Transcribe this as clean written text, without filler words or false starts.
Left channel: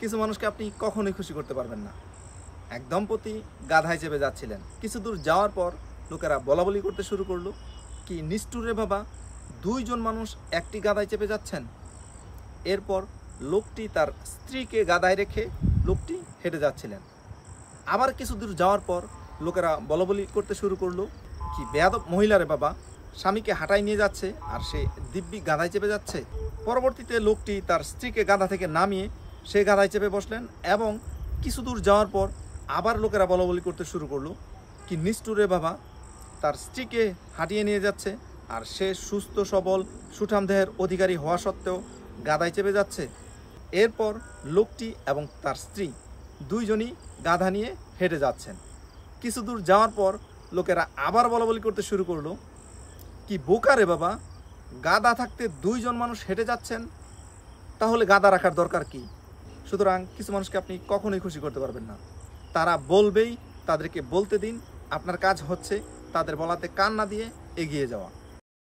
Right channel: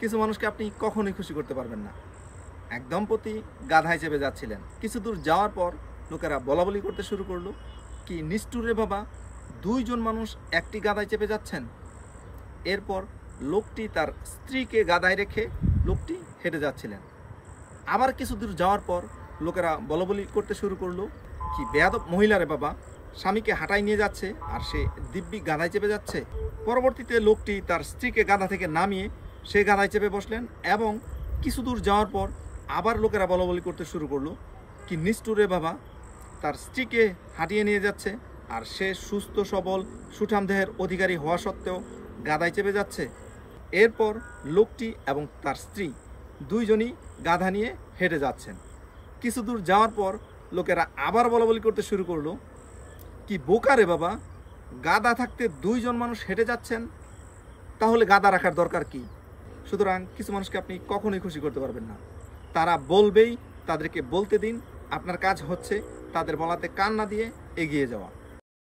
কিছু মানুষকে আপনি কখনোই খুশি করতে পারবেন না। এক দম্পতি গাধায় চেপে যাচ্ছিলেন। কিছু দূর যাওয়ার পর লোকেরা বলাবলি করতে শুরু করলো, কি নিষ্ঠুর রে বাবা, দুইজন মানুষ একটি গাধায় চেপে যাচ্ছেন। এরপর লোকটি তার স্ত্রীকে গাধায় রেখে লোকটি হেঁটে যাচ্ছিলেন। আবার কিছু দূর যাওয়ার পর লোকেরা বলাবলি করতে শুরু করলো, কি বেয়াদব মহিলা রে বাবা, স্বামীকে হাঁটায় নিয়ে যাচ্ছে আর সে দিব্যি গাধায় চেপে যাচ্ছে। পরবর্তীতে লোকটি তার স্ত্রীকে গাধা থেকে নামিয়ে সে গাধায় চেপে বসলেন এবং কিছু দূর যাওয়ার পর আবার লোকেরা বলাবলি করতে শুরু করলো, কি নিষ্ঠুর রে বাবা, তার স্ত্রীকে হাঁটিয়ে নিয়ে যাচ্ছে আর সে সুস্থ সবল সুঠাম দেহের অধিকারী হওয়া সত্ত্বেও গাধায় চেপে যাচ্ছে। এরপর লোকটি এবং তার স্ত্রী দুইজনই গাধা নিয়ে হেঁটে যাচ্ছেন। কিছু দূর যাওয়ার পর লোকেরা আবার বলাবলি করতে শুরু করলো, কি বোকা রে বাবা, গাধা থাকতে দুইজন মানুষ হেঁটে যাচ্ছেন, তাহলে গাধা রাখার দরকার কি? সুতরাং কিছু মানুষকে আপনি কখনোই খুশি করতে পারবেন না। তারা বলবেই, তাদেরকে বলতে দিন। আপনার কাজ হচ্ছে তাদের বলাতে কান না দিয়ে এগিয়ে যাওয়া।